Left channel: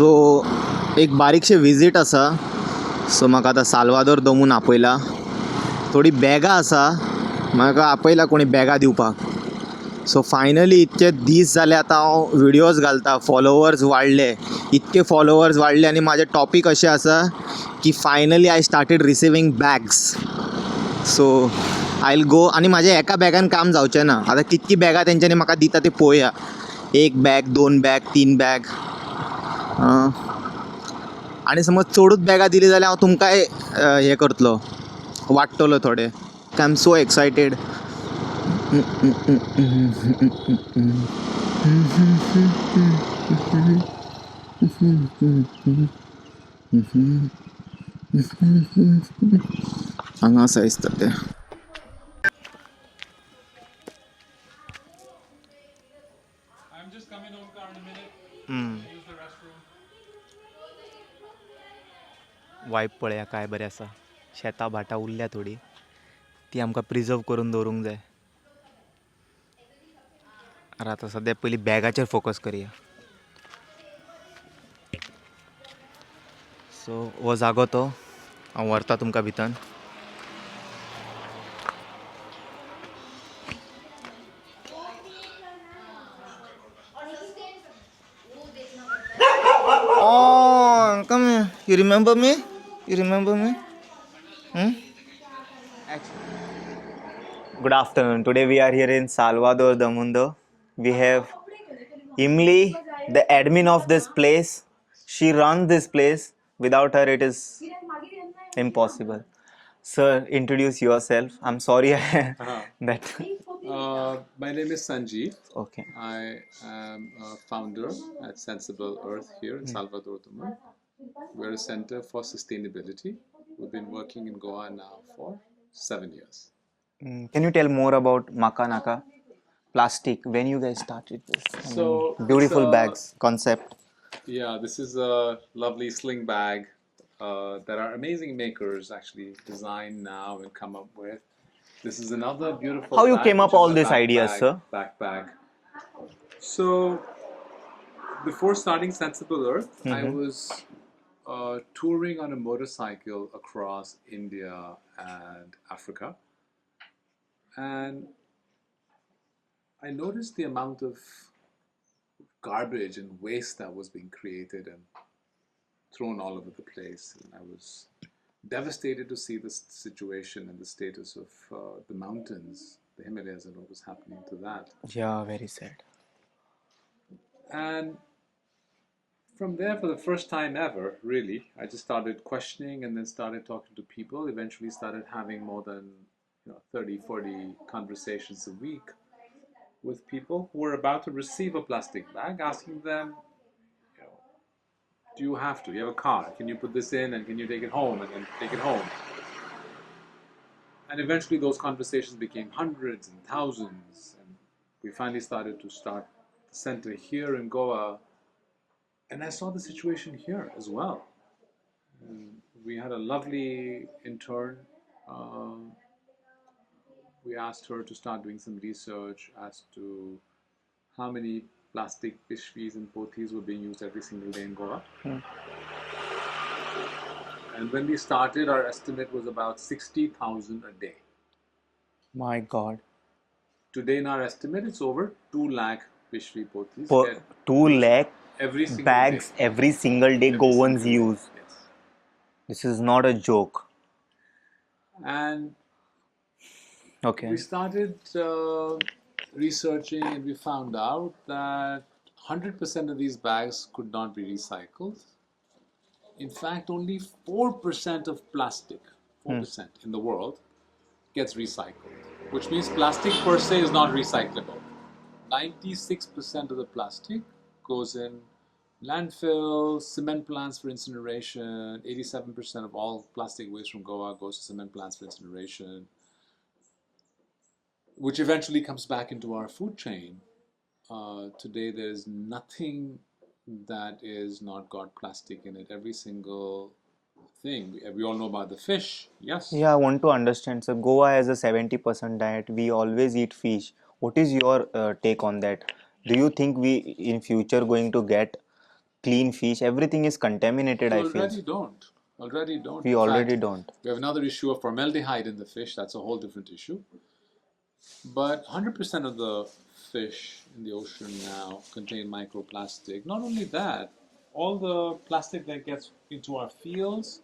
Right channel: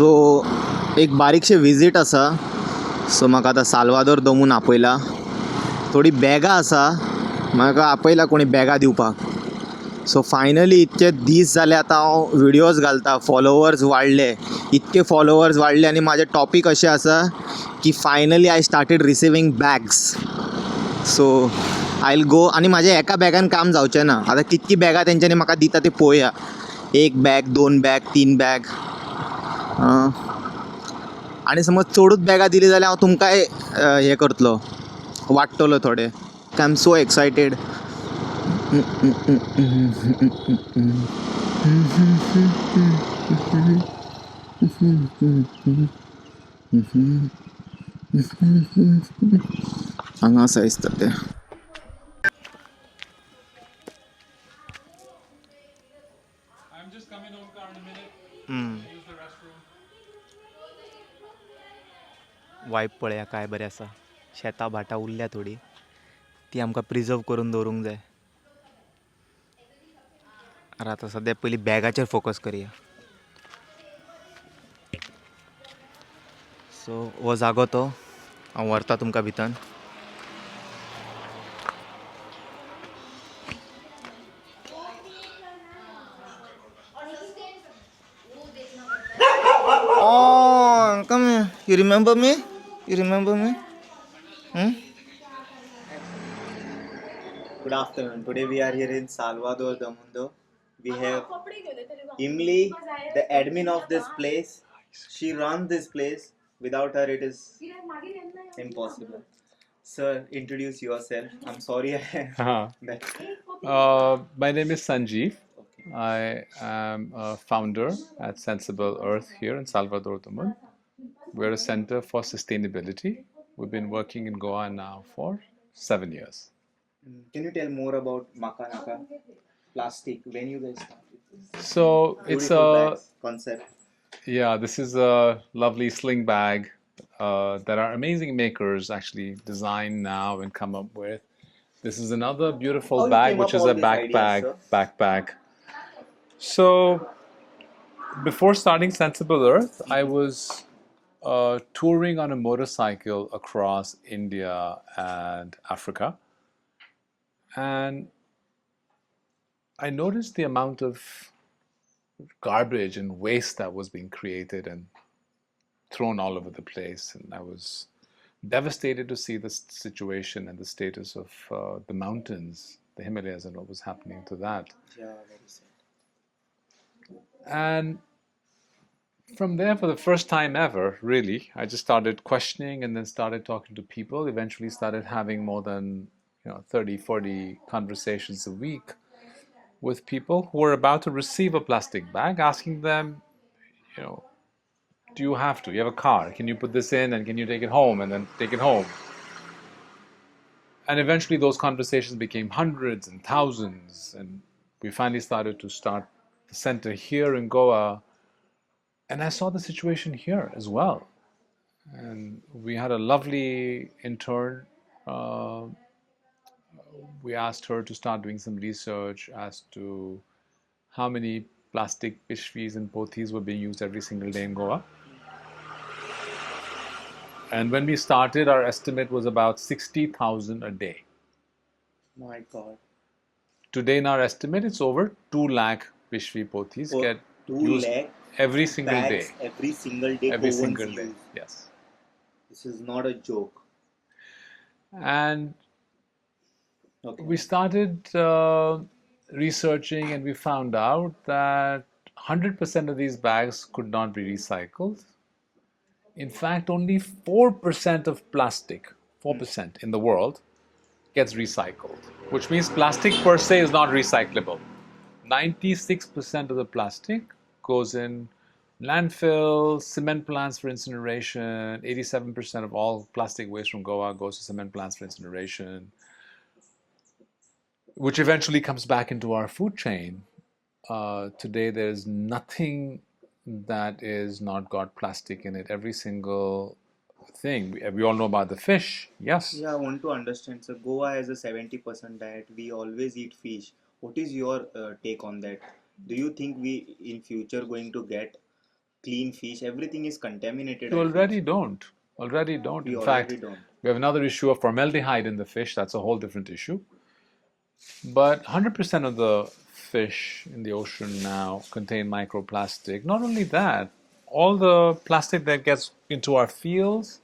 सो एक बारीकशे विजीट आसा. सो म्हाका आतां साल्वादोर दो मुंडो आपयला. थोडी बॅगां आसा, म्हाका आपयला कोणी बॅगां दिवपाक. सो फायनली इतके दीस जाले आतां हांव व्हिडियोज घालता, फॉलोवर्स वाडले, इतके फॉलोवर्स वाडले आनी म्हाजें टॉपीक अशें आसा की finally I started receiving bags. So I will go आनी म्हाजें एका बॅगान काम जावचें ना. आतां कितकी बॅगां तेंच्यांनी म्हाका दिता ते पळोवया. 1 बॅग, 2 बॅग, 3 बॅग. आनी समज चडूच बॅगां दिली जाल्यार हांव तुमकांय हें करतलो, वाडटलो थोडे. I am so excited. हांगा आसा दिसता ते. वायब पळया काय बरें आसा. शेतां भाटां उरल्या थोडी, ती आमकां प्रिजर्व करून दवरूंक जाय. आतां सद्या पयलीं बॅगाचेर फोकस करया. सो हो जागो तो, हांव व्हरता तुमकां भितर. Oh, come here. You remember me? You remember me? Good afternoon. Today we are here in Salvador Do Mundo. We have Emily, the admin of this place. She runs this place. Without her, it is impossible. Sir, introduce yourself. I'm sorry that. My name is Sanjeev. Okay. I am a founder at Sensible Earth here in Salvador Do Mundo. We're a center for sustainability. We've been working in Goa now for 7 years. Can you tell more about Makamaka Plastic? When you guys started this? So Beautiful it's bags concept. Yeah, this is a lovely sling bag that our amazing makers actually design now and come up with. This is another beautiful How you bag, came which up is all a these ideas, backpack. sir? Backpack. So before starting Sensible Earth, I was touring on a motorcycle across India and Africa, and I noticed the amount of garbage and waste that was being created and thrown all over the place, and I was devastated to see this situation and the status of the mountains, the Himalayas, and what was happening to that. Yeah, very sad. And from there, for the first time ever, really, I just started questioning and then started talking to people. Eventually started having more than 30, 40 conversations a week with people who were about to receive a plastic bag, asking them, do you have to? You have a car. Can you put this in and can you take it home and then take it home? And eventually those conversations became hundreds and thousands, and we finally started to start the center here in Goa. And I saw the situation here as well. And we had a lovely intern. We asked her to start doing some research as to how many plastic pishvis and pothis were being used every single day in Goa. And when we started, our estimate was about 60,000 a day. My God. Today, in our estimate, it's over 2 lakh pishvi pothis get 2 lakh every single bags day. every single day Every Goans single day. use. Yes. This is not a joke. And Okay. we started researching, and we found out that 100% of these bags could not be recycled. In fact, only 4% of plastic, 4% in the world, gets recycled, which means plastic per se is not recyclable. 96% of the plastic goes in landfill, cement plants for incineration. 87% of all plastic waste from Goa goes to cement plants for incineration, which eventually comes back into our food chain. Today, there's nothing that is not got plastic in it. Every single thing. We all know about the fish, yes? Yeah, I want to understand. So Goa has a 70% diet. We always eat fish. What is your take on that? Do you think we in future going to get clean fish. Everything is contaminated, We I feel. already don't. Already don't. We In already fact, don't. we have another issue of formaldehyde in the fish. That's a whole different issue. But 100% of the fish in the ocean now contain microplastic. Not only that, all the plastic that gets into our fields,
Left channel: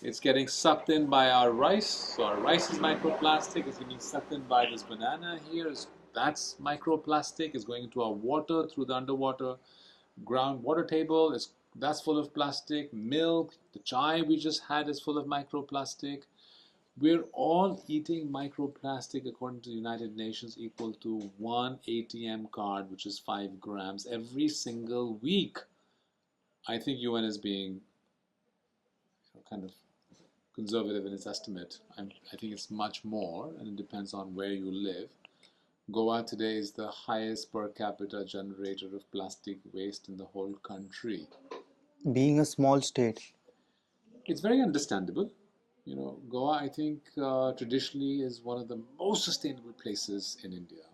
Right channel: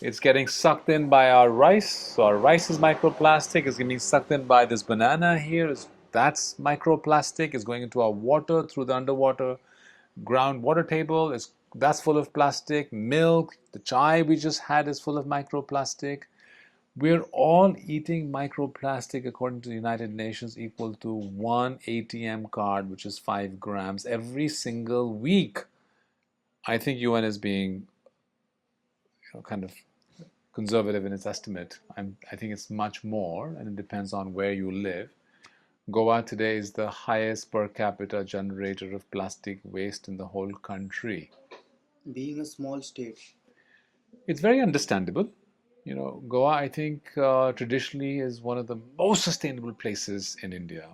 it's getting sucked in by our rice. So our rice is microplastic. It's getting sucked in by this banana here. That's microplastic. It's going into our water through the underwater groundwater table. That's full of plastic. Milk, the chai we just had is full of microplastic. We're all eating microplastic according to the United Nations equal to one ATM card, which is 5 grams every single week. I think UN is being kind of conservative in its estimate. I think it's much more, and it depends on where you live. Goa today is the highest per capita generator of plastic waste in the whole country. Being a small state. It's very understandable. Goa, I think, traditionally is one of the most sustainable places in India,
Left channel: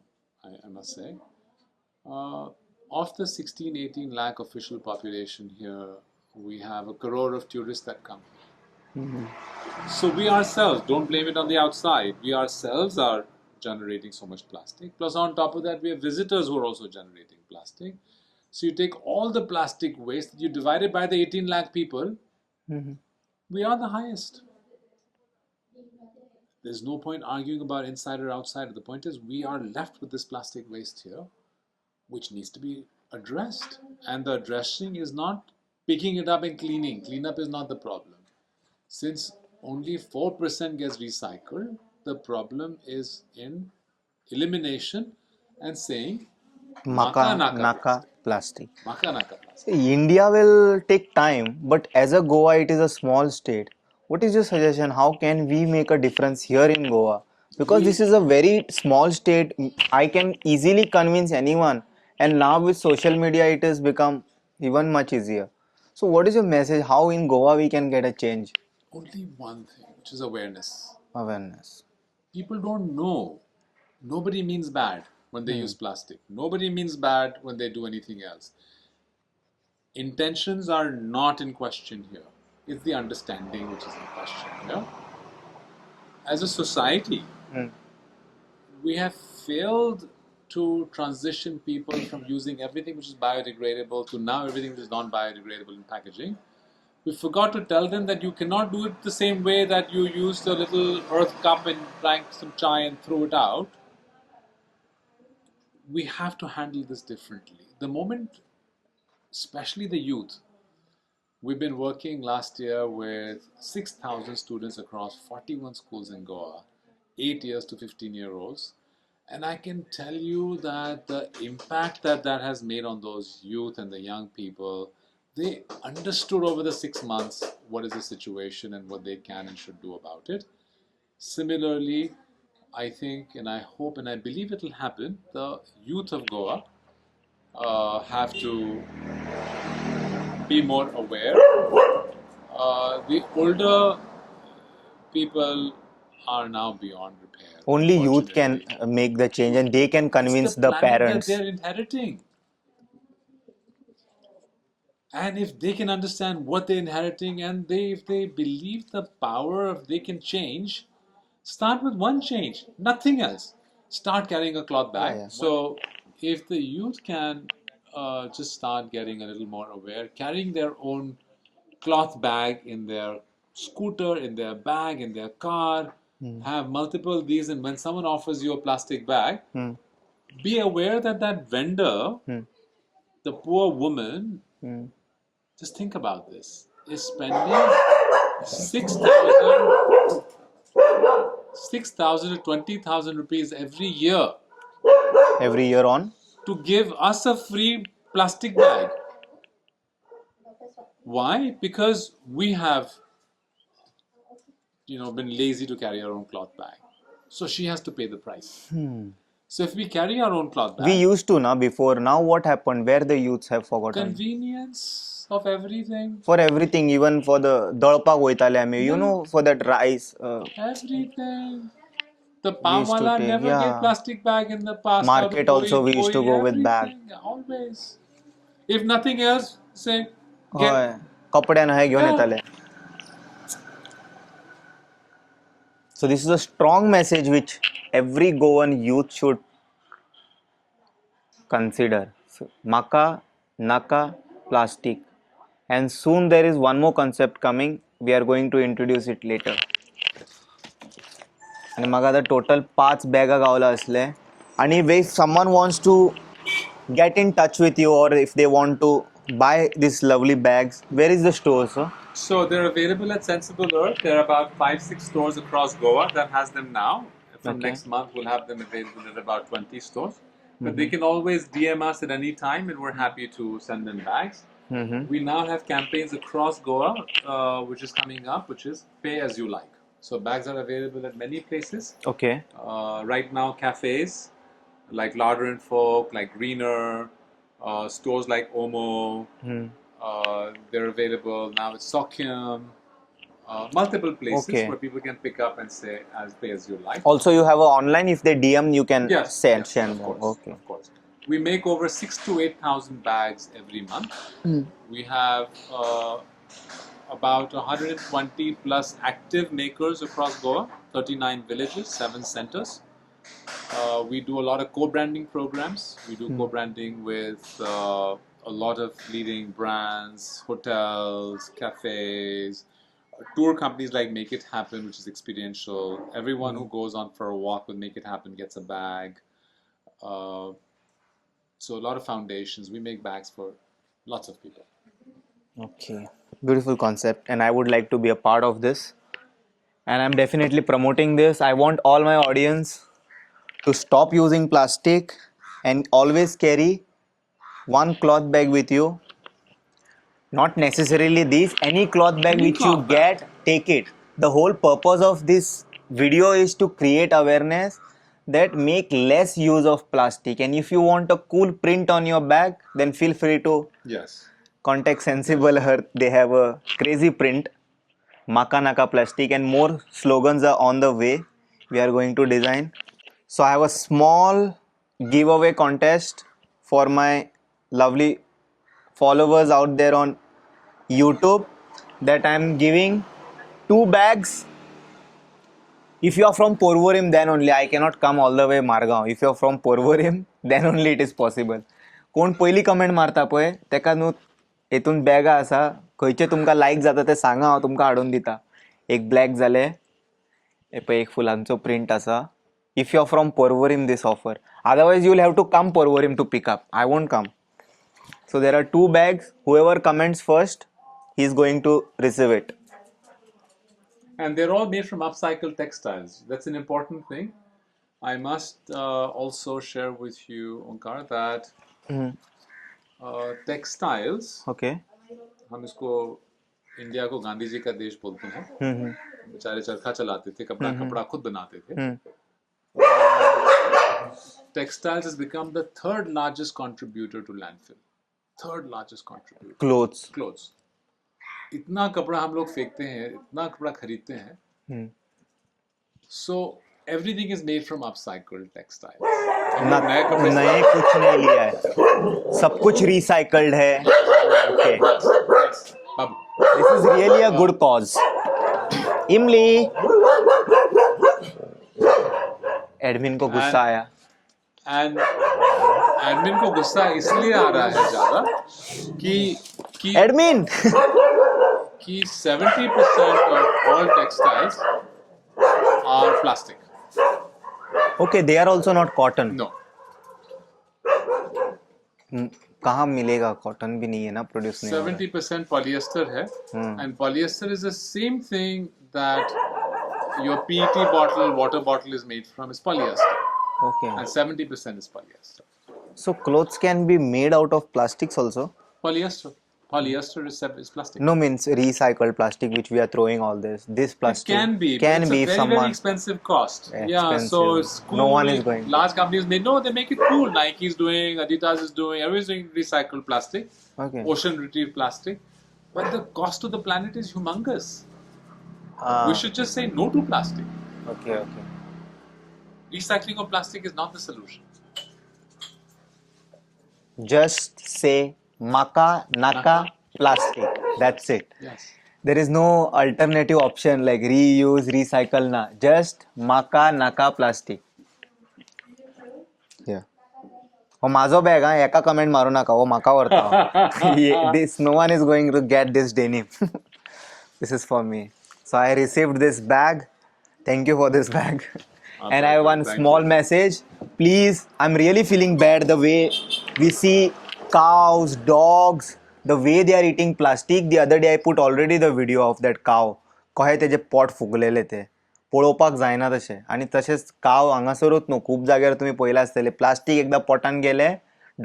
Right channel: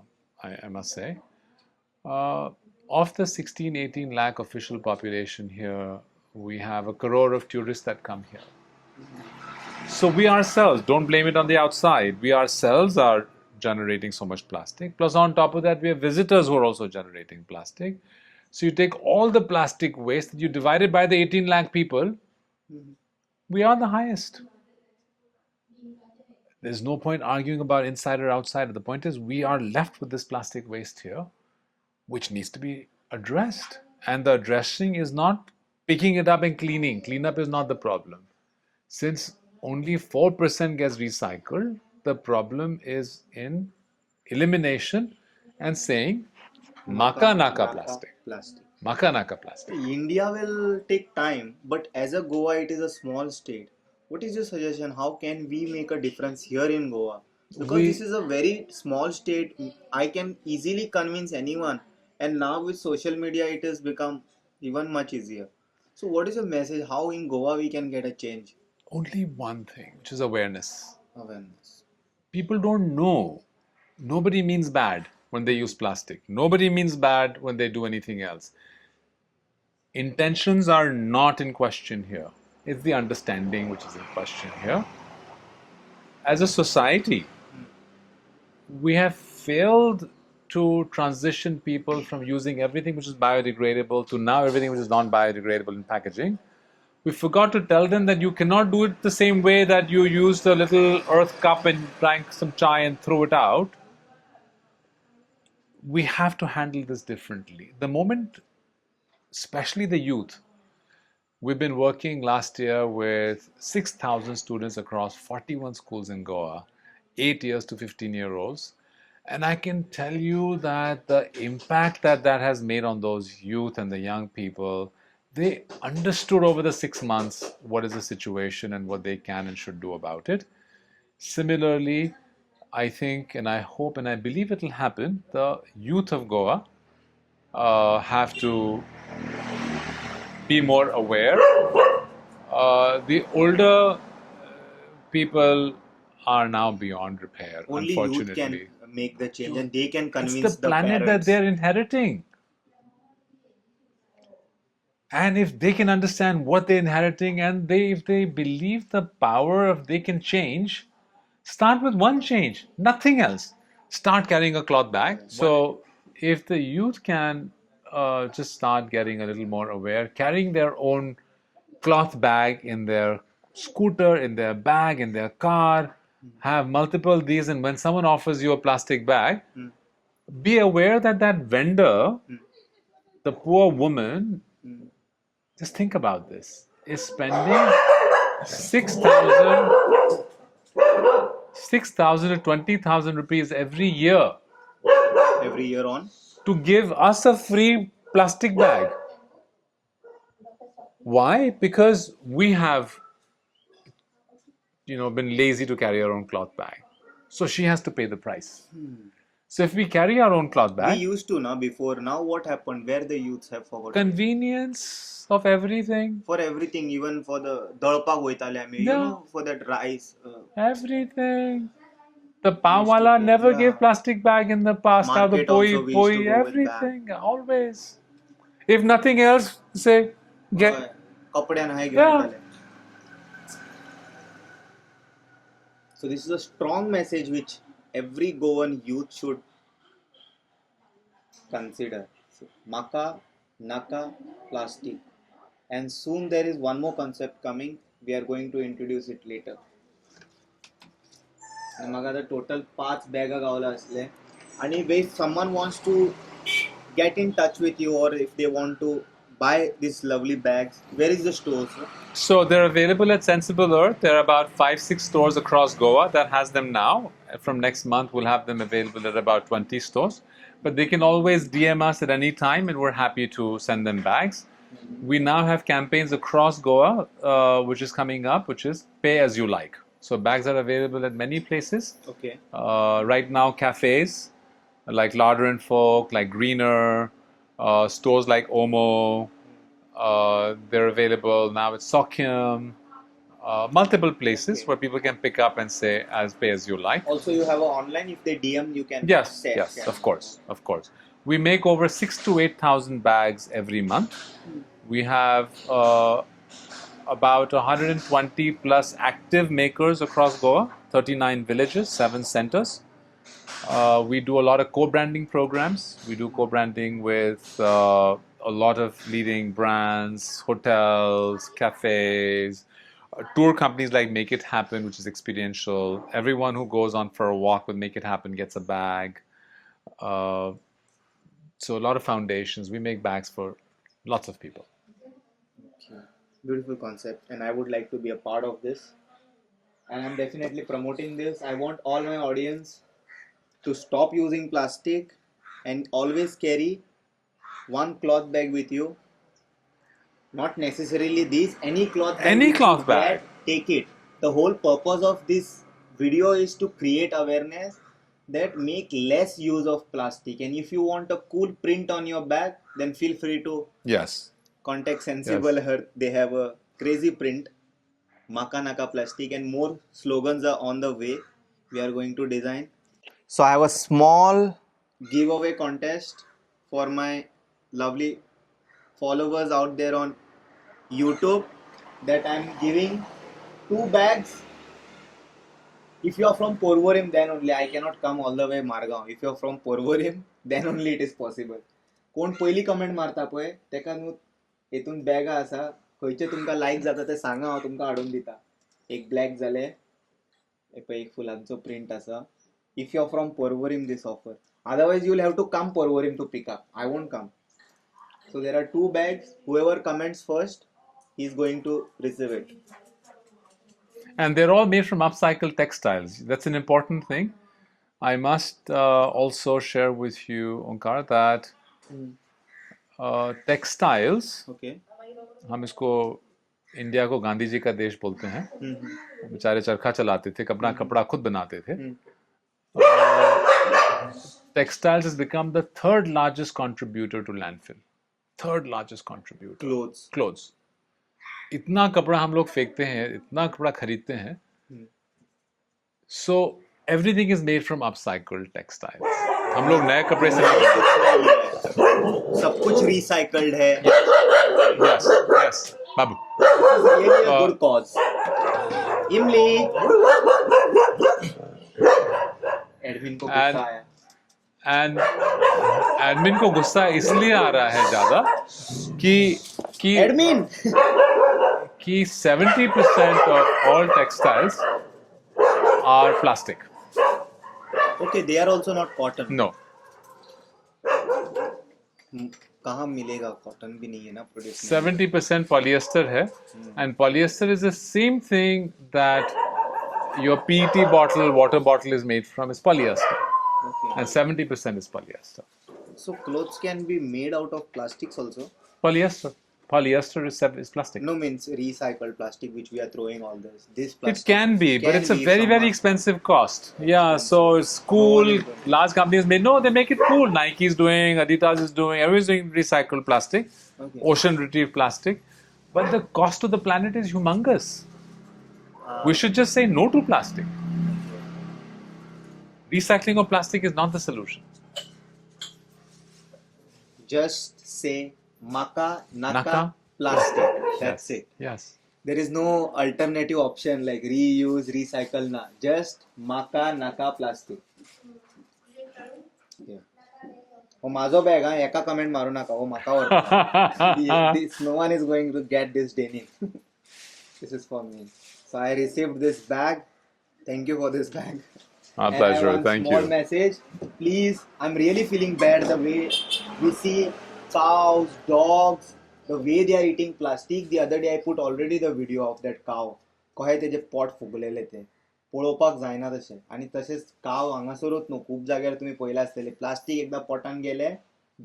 I must say. Of the 16, 18 lakh official population here, we have a crore of tourists that come here. So we ourselves, don't blame it on the outside, we ourselves are generating so much plastic. Plus, on top of that, we have visitors who are also generating plastic. So you take all the plastic waste, you divide it by the 18 lakh people, we are the highest. There's no point arguing about inside or outside. The point is, we are left with this plastic waste here, which needs to be addressed. And the addressing is not picking it up and cleaning. Cleanup is not the problem. Since only 4% gets recycled, the problem is in elimination and saying Makamaka plastic. Makamaka plastic. India will take time, but as a Goa, it is a small state. What is your suggestion? How can we make a difference here in Goa? Because this is a very small state, I can easily convince anyone. And now with social media, it has become even much easier. So, what is your message? How in Goa we can get a change? Only one thing, which is awareness. Awareness. People don't know. Nobody means bad when they use plastic. Nobody means bad when they do anything else. Intentions are not in question here. It's the understanding which is in question here. As a society, we have failed to transition people from using everything which is biodegradable to now everything which is non-biodegradable in packaging. We forgot to tell them that you cannot do it the same way that you used a little earth cup and drank some chai and threw it out. We have to handle this differently. The moment, especially the youth, we've been working last year with 6,000 students across 41 schools in Goa, 8 years to 15-year-olds. And I can tell you that the impact that has made on those youth and the young people, they understood over the 6 months what is the situation and what they can and should do about it. Similarly, I think and I hope and I believe it will happen, the youth of Goa have to be more aware. The older people are now beyond repair. Only youth can make the change and they can convince the planet parents. That they're inheriting. And if they can understand what they're inheriting and if they believe the power of they can change, start with one change, nothing else. Start carrying a cloth bag. So if the youth can just start getting a little more aware, carrying their own cloth bag in their scooter, in their bag, in their car, have multiple these, and when someone offers you a plastic bag, be aware that that vendor, the poor woman, just think about this, is spending 6,000 to 20,000 rupees every year. Every year on? To give us a free plastic bag. Why? Because we have been lazy to carry our own cloth bag. So she has to pay the price. So if we carry our own cloth bag... We used to now before. Now what happened? Where the youths have forgotten? Convenience of everything. For everything, even for the dalpa goitale ame, for that rice. Everything. The pawala never gave plastic bag in the past. Market also we used to go with bag. Always. If nothing else, say get. होय. कपड्यान हे घेऊन Yeah. येताले. So this is a strong message which every Goan youth should consider. So, Makamaka Plastic, and soon there is one more concept coming. We are going to introduce it later. आणि मग आता total 5 बॅगा गावला असले आणि if someone wants to get in touch with you or if they want to buy these lovely bags, where is the store, sir? So they're available at Sensible Earth. There are about 5-6 stores across Goa that has them now. From Okay. next month, we'll have them available at about 20 stores. But they can always DM us at any time, and we're happy to send them bags. We now have campaigns across Goa, which is coming up, which is pay as you like. So bags are available at many places. Okay. Right now, cafes like Larder and Folk, like Greener, stores like Omo, they're available now at Sokyam, multiple places Okay. where people can pick up and say as pay as you like. Also, you have a online. If they DM, you can Yes, share. yes, share of them. course, Okay. of course. We make over 6,000 to 8,000 bags every month. We have about 120 plus active makers across Goa, 39 villages, 7 centers. We do a lot of co-branding programs. We do co-branding with a lot of leading brands, hotels, cafes, tour companies like Make It Happen, which is experiential. Everyone who goes on for a walk with Make It Happen gets a bag. So a lot of foundations. We make bags for lots of people. Okay. Beautiful concept, and I would like to be a part of this. And I'm definitely promoting this. I want all my audience to stop using plastic and always carry one cloth bag with you. Not necessarily this, any cloth bag Any which cloth you bag. get, take it. The whole purpose of this video is to create awareness that make less use of plastic. And if you want a cool print on your bag, then feel free to Yes. contact Sensible Earth. They have a crazy print. Makamaka Plastic, and more slogans are on the way. We are going to design. So I have a small giveaway contest for my lovely followers out there on YouTube, that I'm giving 2 bags. If you are from Porvorim, then only. I cannot come all the way Margaon. If you are from Porvorim, then only it is possible. कोण पहिली comment मारता पळय तेका न्हू हेतून बॅगा आसा, खंयचे तुमकां लायक जाता ते सांगा, हांव तुमकां हाडून दिता. एक ब्लॅक जाले, हे पळय एक फुलांचो प्रिंट आसा. If you are from Porvorim, this offer. Otherwise, you will have to come Porvorim to pick up. I won't come. So there are 2 bags. Whoever comments first, he is going to receive it. And they're all made from upcycled textiles. That's an important thing. I must also share with you, Onkar, that textiles, Okay. हम इसको India को गांधी जी का देश बोलते हैं. बेचारे चरखा चलाते थे, कपड़ा खुद बनाते थे. Textiles has become the 3rd largest contributor to landfill. 3rd largest contributor. Clothes. इतना कपड़ा हम लोग फेंकते हैं, इतना कपड़ा खरीदते हैं. So everything is made from upcycled textiles. हम लोग नए कपड़े से नए कुछ नहीं लिया है, सब कुछ recycled है. Okay. Yes, Babu. This is really a good cause. इमली. एडमिन को गुस्सा आया. And एडमिन को गुस्सा इसलिए आ रहा है ज्यादा कि एडमिन कि 70% of all textiles are plastic. Okay, they are also not cotton. No. कहाँ मिलेगा? कॉटन भी नहीं है ना प्रोड्यूस. 70% polyester है, and polyester is the same thing that your PET bottle, water bottle is made from, is polyester. Okay. And 70% is polyester. So clothes can be made out of plastics also? Polyester. Polyester is plastic. No, means recycled plastic, which we are throwing all this. This plastic It can be, but it's a very, very expensive cost. Yeah, so it's cool. No one is going. Large companies they make it cool. Nike is doing, Adidas is doing, everyone's doing recycled plastic, Okay. ocean retrieved plastic. But the cost to the planet is humongous. We should just say no to plastic. Okay. Recycling of plastic is not the solution. Just say Makamaka Naka Plastic. That's Yes. it. Yes. There is no alternative option like reuse, recycle na. Just Makamaka Plastic. Yeah. हो माझो bag हा एका comment मारू नका हो माका वरता this no one is going to get this denim. This is for me. So I received this bag. Thank you for this bag. Our And I have pleasure. one Thank small you. message. Please, I'm really feeling bad the way we see cows, dogs, the way they are eating plastic. The other day I put already the video of that cow. कहे तेजे pot फुगलेले ते पळोवपाक जायना तशें आनी तशेंच काव हांगासरूच न्हू खूब जाग्यार तुमी पळयलां आसतलें प्लास्टीक एकदां पोटान गेलें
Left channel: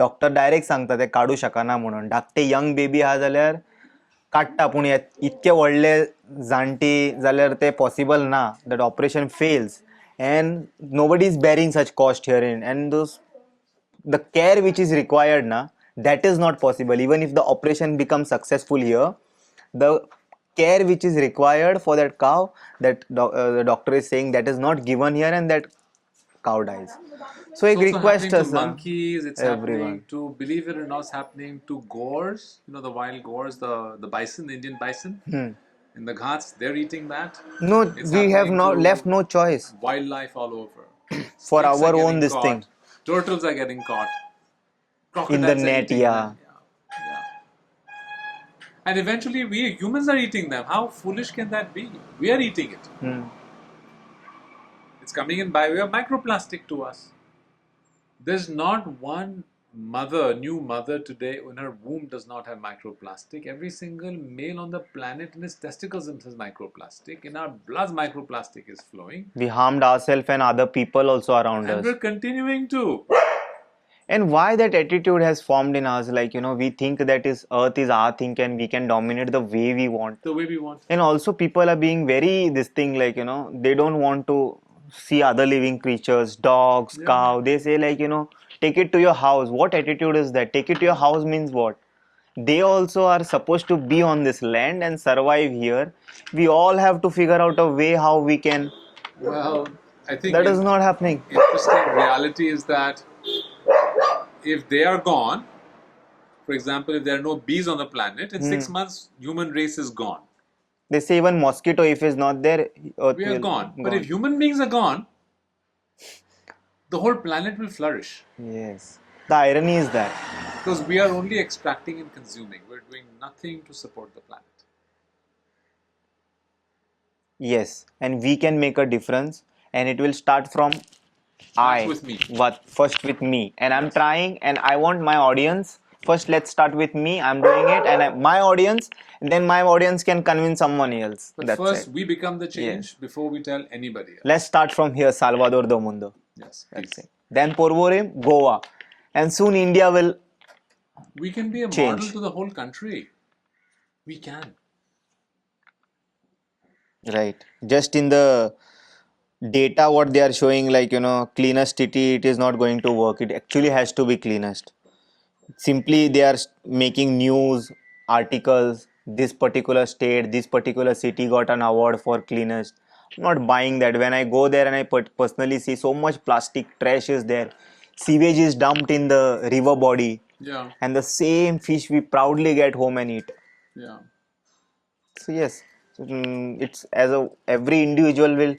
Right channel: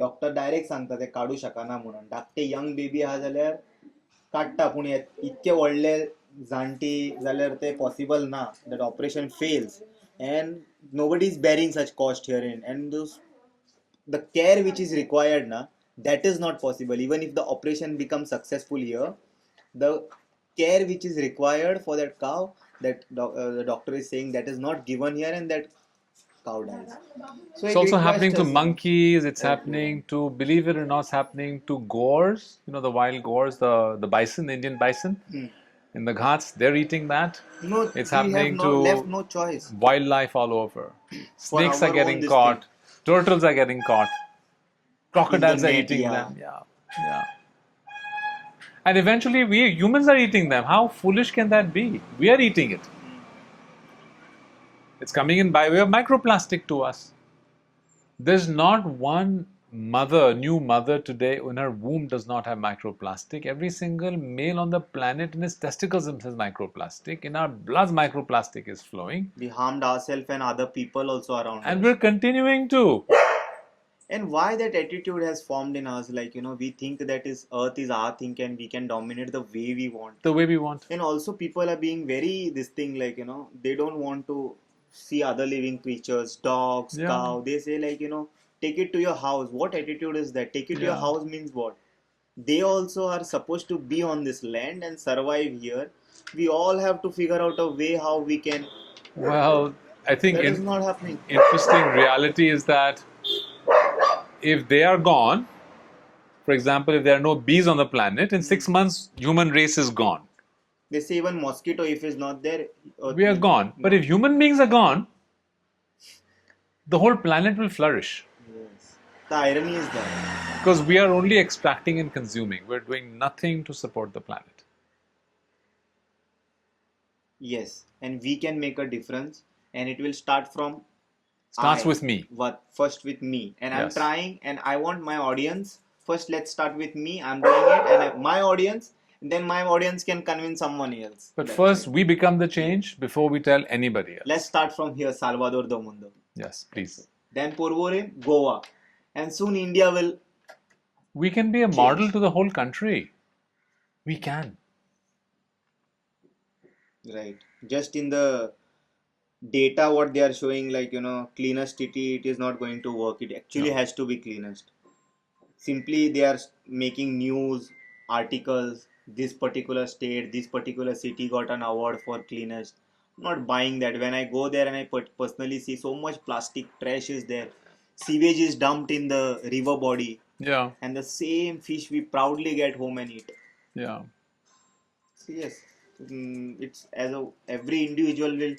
डॉक्टर डायरेक्ट सांगता ते काडूं शकना म्हणून धाकटे यंग बेबी आहा जाल्यार काडटा पूण इतके व्हडले जाणटी जाल्यार ते पॉसिबल ना that operation fails and nobody is bearing such cost here in and the care which is required na that is not possible even if the operation becomes successful here the care which is required for that cow that the doctor is saying that is not given here and that cow dies so It's a also request happening to us monkeys. It's everyone happening to, believe it or not, it's happening to gores. You know, the wild gores, the bison, the Indian bison. In the ghats, they're eating that. no It's we have happening no to left no choice wildlife all over. for Snakes are our own getting this thing caught. Turtles are getting caught. in the Crocodiles are net eating yeah them. Yeah, yeah. And eventually, we humans are eating them. How foolish can that be? We are eating it. It's coming in by way of microplastic to us. There's not one mother, new mother today, in her womb does not have microplastic. Every single male on the planet in his testicles has microplastic. In our blood, microplastic is flowing. we harmed ourselves and other people also around And us we're continuing to. and why that attitude has formed in us like we think that is earth is our thing and we can dominate the way we want The way we want. and also people are being very this thing like they don't want to see other living creatures dogs Yeah. cow they say like take it to your house what attitude is that take it to your house means what they also are supposed to be on this land and survive here we all have to figure out a way how we can Well, I think that is not happening interesting reality is that if they are gone, for example, if there are no bees on the planet, in 6 months, human race is gone. they say even mosquito if is not there earth We are will gone. But if human beings are gone, the whole planet will flourish. yes the irony is that Because we are only extracting and consuming. We're doing nothing to support the planet. yes and we can make a difference and it will start from Starts with me. What first with me and I'm Yes. trying and I want my audience first let's start with me I'm doing it and my audience and then my audience can convince someone else But That's first, it. we become the change before we tell anybody else. Let's start from here Salvador Do Mundo Yes, please. That's it. Then Porvorim Goa and soon India will We can be a model to the whole country. We can. right just in the data what they are showing like cleanest city it is not going to work it actually has to be cleanest simply they are making news articles this particular state this particular city got an award for cleanest I'm not buying that when I go there and I personally see so much plastic trash is there sewage is dumped in the river body Yeah. and the same fish we proudly get home and eat Yeah. so yes it's as a every individual will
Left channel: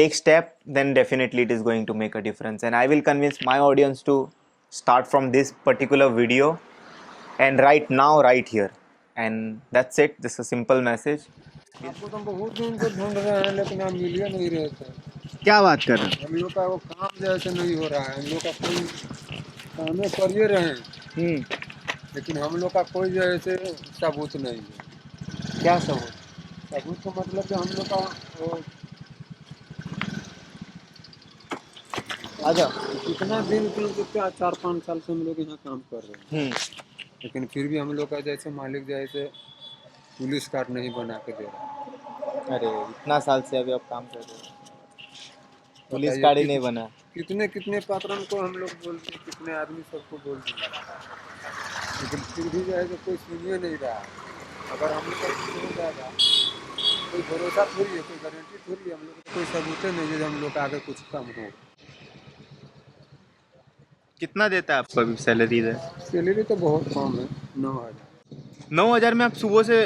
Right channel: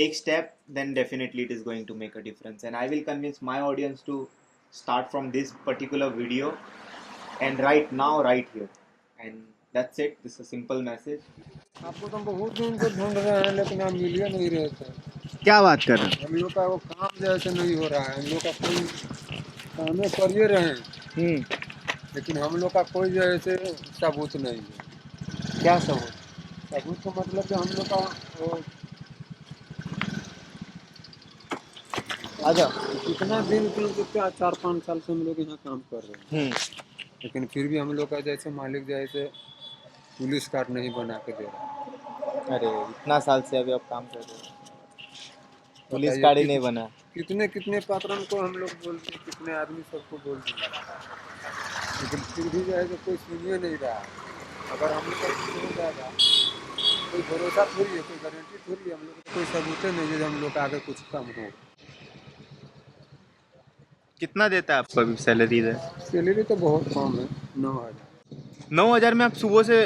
take step then definitely it is going to make a difference and I will convince my audience to start from this particular video and right now right here and that's it this is a simple message आपको तो हम बहुत दिन से ढूंढ रहे हैं लेकिन आप मिल ही नहीं रहे थे क्या बात कर रहे हैं हम लोग का वो काम जैसे नहीं हो रहा है हम लोग का कोई कामें करिए रहे हैं लेकिन हम लोग का कोई जैसे सबूत नहीं है क्या सबूत सबूत का मतलब कि हम लोग का वो अच्छा कितना दिन क्या 4-5 साल से हम लोग यहाँ काम कर रहे हैं लेकिन फिर भी हम लोग का जैसे मालिक जैसे पुलिस कार्ड नहीं बना के दे रहा अरे इतना साल से अभी आप काम कर रहे हो पुलिस बताइए कार्ड ही नहीं बना कितने कितने पात्रों को हम लोग बोलते हैं कितने आदमी सबको बोलते हैं लेकिन फिर भी जो है तो कोई सुनिए नहीं रहा अगर हम लोग का कुछ हो जाएगा कोई भरोसा थोड़ी है कोई गारंटी थोड़ी है हम लोग को कोई सबूत नहीं है जो हम लोग का आगे कुछ कम हो कितना देता है आपको अभी सैलरी इधर? सैलरी तो बहुत कम है, 9,000। 9,000 में आप सुबह से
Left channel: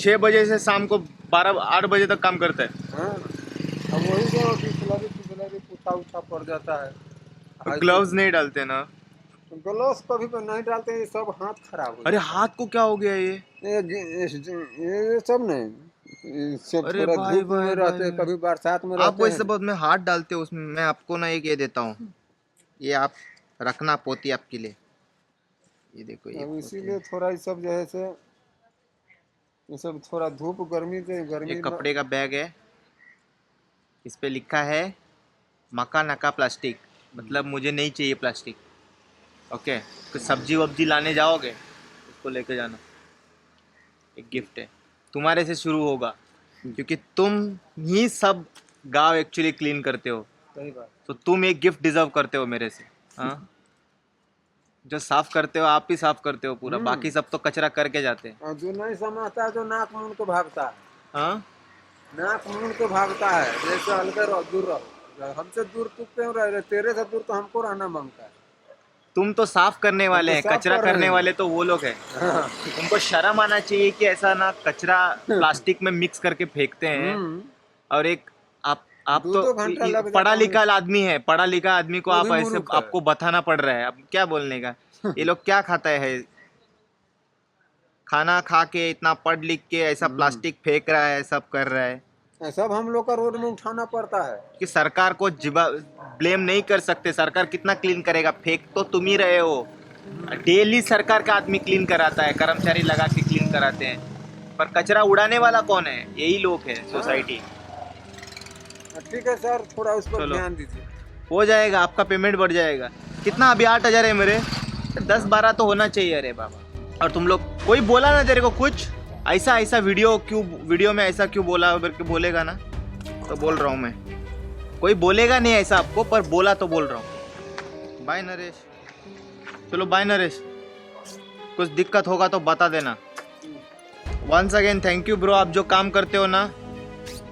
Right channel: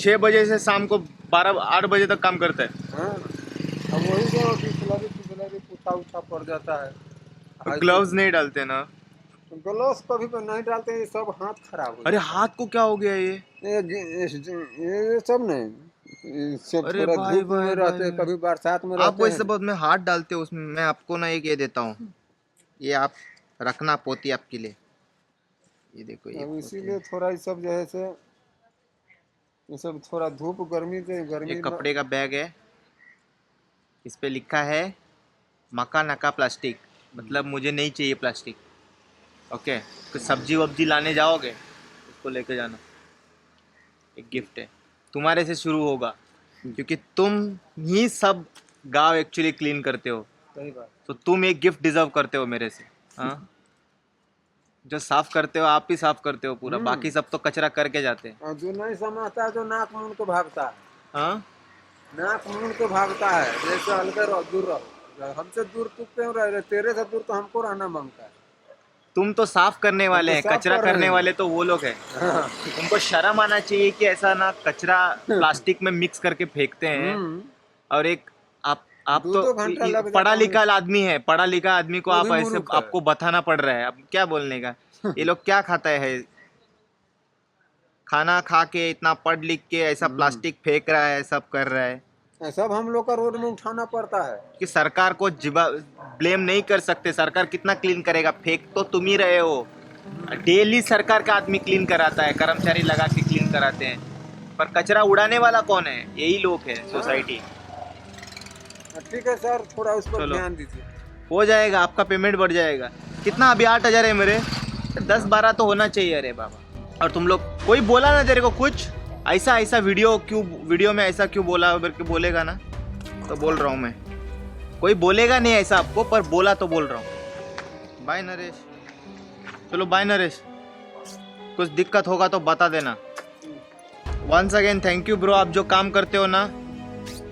6 बजे से शाम को 8 बजे तक काम करते हैं? हाँ, अब वही जो फिसलरी पूछा उछा पड़ जाता है। ग्लव्स नहीं डालते ना? ग्लव्स कभी भी नहीं डालते, ये सब हाथ खराब हो अरे हाथ को क्या हो गया ये? ये सब नहीं, ये सब अरे थोड़ा भाई, धूप भाई, में रहते हैं, भाई। कभी बरसात में आप रहते वैसे हैं। बहुत में हाथ डालते हो उसमें, मैं आपको ना एक ये देता हूँ, ये आप रखना पोती आपके लिए। ये देखो ये अब पोती। इसीलिए थोड़ा ये सब जो है से, ये सब थोड़ा धूप गर्मी से गर्मी एक कपड़े का बैग है, इस पे लिखा है मकानाका प्लास्टिक, मतलब मुझे नहीं चाहिए प्लास्टिक। ओके, तो सब्जी वब्जी लाने जाओगे उसको लेके जाना, एक गिफ्ट है, तुम्हारे से शुरू होगा क्योंकि तुम ही सब गांव एक्चुअली क्लीन करते हो, सही बात। तो तुम एक गिफ्ट डिजर्व करते हो मेरे से। हाँ, जो साफ करते हो आप ही साफ करते हो पूरा, बाकी सब तो कचरा करके जाते हैं। और जो नहीं समझता है, जो नाक मूंद के भागता है, हाँ, नाक मूंद के भागता है, जैसे हल्के रहो, दूर रहो, हमसे दूर तू क्यों रह रहे, तेरे से दूर तो हमको रहना मांगता है। तुम तो साफ करने वाले हैं, साफ कचरा कर रहे करने हैं। वाले तो वो लोग हैं। हाँ। तुमको शर्म आना चाहिए कि ऐसा ना कचरा प्लास्टिक में मिक्स करके फेंकते हैं। और एक आप दो तो घंटा लग जाता पढ़ा है। लिखा आदमी है, पढ़ा लिखा आदमी को वो आप भी ऐसे मूर्ख है। आपको बताना पड़ रहा है, अब क्या बोलने का। ये लोग क्या खाता है, खाना खा के इतना पढ़ लिख के ऐसा प्लास्टिक फेंक रहा है, सब कर रहा है। सब हम लोग का रोड में उठाना पड़ता है। कि सरकार को ब्लेम नहीं कर सकते, सरकार कितना क्लीन करेगा, फेंक तो तुम ही रहे हो। डेली सरकार का आदमी क्लीन कराता है, कर्मचारी लगा के क्लीन कराते हैं, पर कचरा उड़ाने वाला कौन है? यही लोग है, सोसाइटी। ठीक है सर, थोड़ा उस पर चलो। ध्यान दीजिए। हो जाएगा, आपका पेमेंट बढ़ जाएगा। कितना अभी 8,000 है मेरे, 10-12 तो होना चाहिए। अरे बाबा, और तुम लोग कोई बोला ना तेरे को कुछ ऐसा वीडियो में ऐसा क्यों बोला, बोलेगा ना तो बोल रहा हूँ मैं, कोई बोलेगा नहीं ऐसा आपको, पर बोला तो बोल रहा हूँ। बाय नरेश, चलो बाय नरेश, कुछ दिक्कत होगा तो बता देना। Once again thank you bro, आप जो काम करते हो ना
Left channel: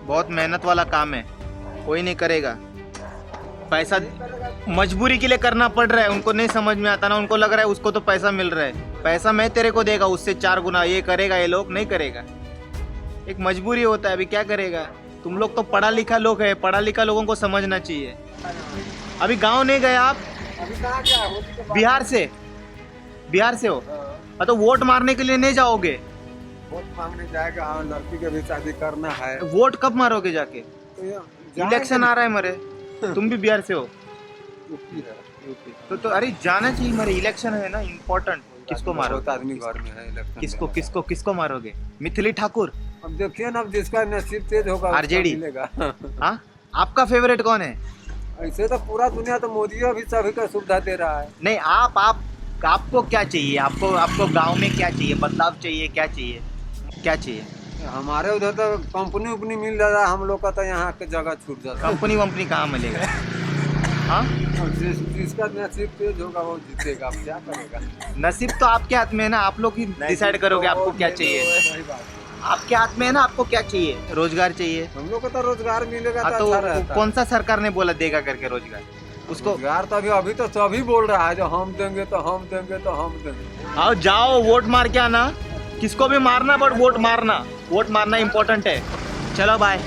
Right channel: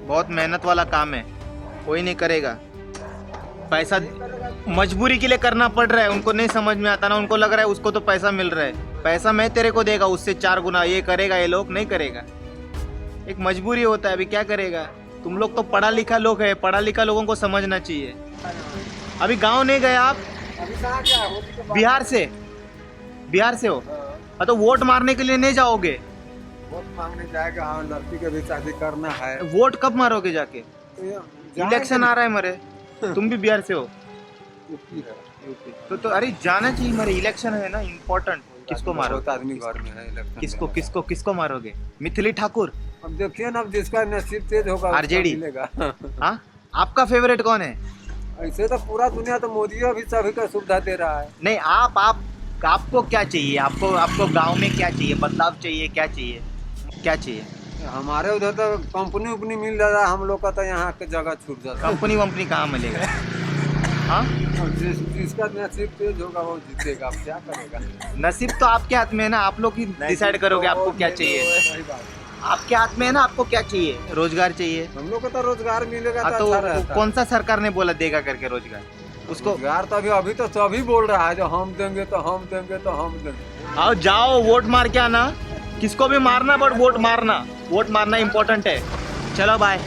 बहुत मेहनत वाला काम है, कोई नहीं करेगा। पैसा मजबूरी के लिए करना पड़ रहा है, उनको नहीं समझ में आता ना, उनको लग रहा है उसको तो पैसा मिल रहा है, पैसा मैं तेरे को देगा उससे 4 गुना, ये करेगा, ये लोग नहीं करेगा, एक मजबूरी होता है। अभी क्या करेगा, तुम लोग तो पढ़ा लिखा लोग है, पढ़ा लिखा लोगों को समझना चाहिए। अभी गांव नहीं गए आप? अभी कहाँ गया हो? बिहार से हो? हाँ, तो वोट मारने के लिए नहीं जाओगे? वोट मांगने जाएगा, हाँ, लड़की के भी शादी करना है। वोट कब मारोगे जाके? तो इलेक्शन आ रहा है मरे, तुम भी बिहार से हो? यूपी है। तो अरे जाना चाहिए मरे, इलेक्शन है ना इम्पोर्टेंट। किसको मारोगे? बहुत आदमी घर में है इलेक्शन। किसको मारोगे? मिथिली ठाकुर? अब देखिए ना, अब जिसका नसीब तेज होगा आरजेडी मिलेगा। हाँ, आपका फेवरेट कौन है? ऐसे तो पूरा दुनिया तो मोदी भी सभी का सुविधा दे रहा है। नहीं, आपको क्या चाहिए? आपको गांव में क्या चाहिए? बदलाव चाहिए? क्या चाहिए? हमारे उधर तो कंपनी उपनी मिल जाता है, हम लोग का तो यहाँ के जगह छूट जाता है। कंपनी वंपनी कहाँ मिलेगा? हाँ, जिसका नसीब तेज होगा वो जीतेगा, अब क्या करेगा। नसीब तो आपके हाथ में है ना, आप लोग ही डिसाइड करोगे आपको क्या चाहिए। सही बात। आपके हाथ में है ना, आपको क्या चाहिए? रोजगार चाहिए। हम लोग को तो रोजगार मिलेगा हाँ, तो अच्छा रहता है। कौन सा सरकार ने बोला देगा करके रोजगार? उसको रोजगार तो अभी तो सभी बोल रहा है, जो हम देंगे तो हम देंगे तो हम देंगे। आओ जाओ वोट मार के आना, किसको भी मारना, बट वोट मारना इम्पोर्टेंट है। चलो बाय।